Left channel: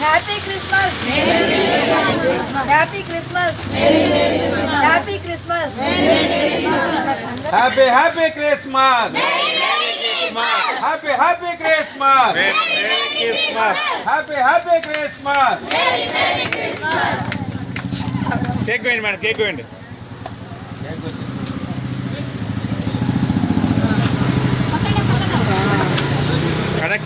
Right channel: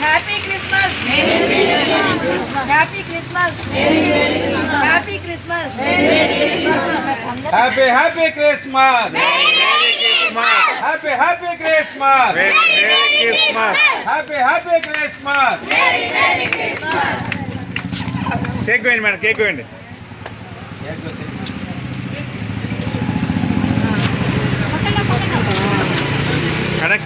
Happy Christmas happy Christmas happy Christmas happy happy Christmas happy happy Christmas happy happy Christmas cake వేయండి madam cake వేయండి. Madam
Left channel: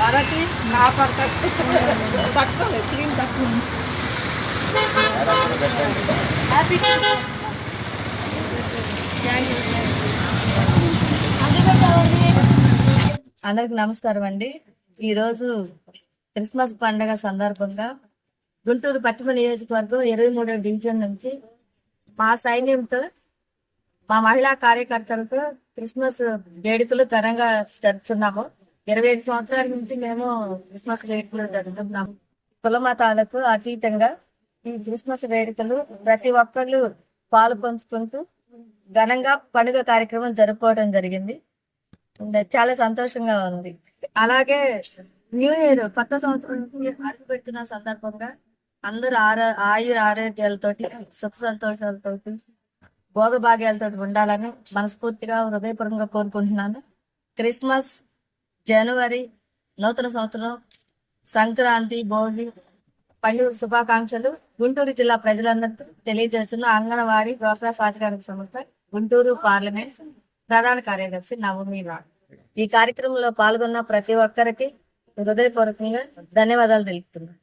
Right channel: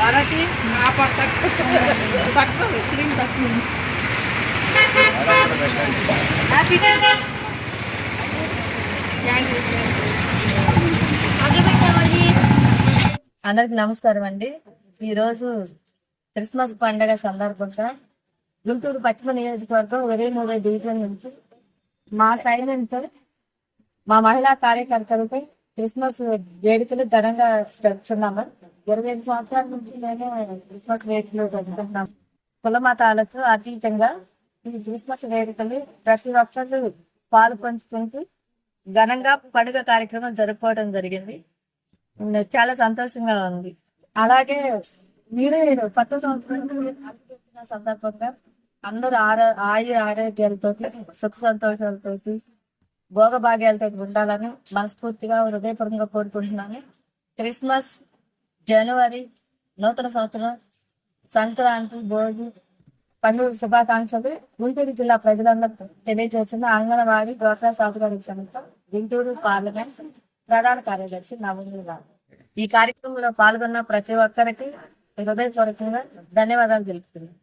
आगे copper తక్కువ cream తక్కువ happy అందరికి నమస్కారం అండి. ఈరోజు క్రిస్మస్ పండగ సందర్భంగా గుంటూరు పశ్చిమ నియోజకవర్గం ఇరవై మూడో డివిజన్ నుంచి మా సైన్యంతో మా మహిళా కార్యకర్తలతో క్రిస్మస్ వేడుకలు ఘనంగా జరుపుతున్నాము. ఇరవై ఐదు సంవత్సరాల నుంచి మేము క్రిస్మస్ వేడుకలు జరుపుకుంటున్నాము. కుల మతాలకు అతీతంగా ఈ క్రిస్మస్ వేడుకలు ప్రతి ఒక్కళ్ళు పాలు పంచుకుంటూ ఘనంగా పండుగ కార్యక్రమం జరుపుకోవడం జరిగింది. చాలా సంతోషంగా ఉంది. అలాగే న్యూ ఇయర్ కొత్త సంవత్సరం అడుగు పెట్టిన సందర్భంగా అందరూ ఆరో ఆయుర ఆరోగ్యాలతోటి సుఖ సంతోషాలతోటి భోగభాగ్యాలతో ఉండాలని మనస్ఫూర్తిగా హృదయపూర్వకంగా కోరుకుంటున్నాను. క్రిస్మస్ జనవరి నూతన సంవత్సరం సంక్రాంతి భోగి పండుగ శుభాకాంక్షలు గుంటూరు జిల్లా ప్రజలందరికీ తెలియజేస్తున్న అంగన్వాడీ డ్వాక్రా సాధికారిక సంస్థ గుంటూరు పార్లమెంట్ ప్రధాన కార్యదర్శి నవమి ఈ కార్యక్రమంలో పాల్గొన్న ప్రతి ఒక్కరికి హృదయపూర్వకంగా ధన్యవాదాలు తెలుపుతున్నాను.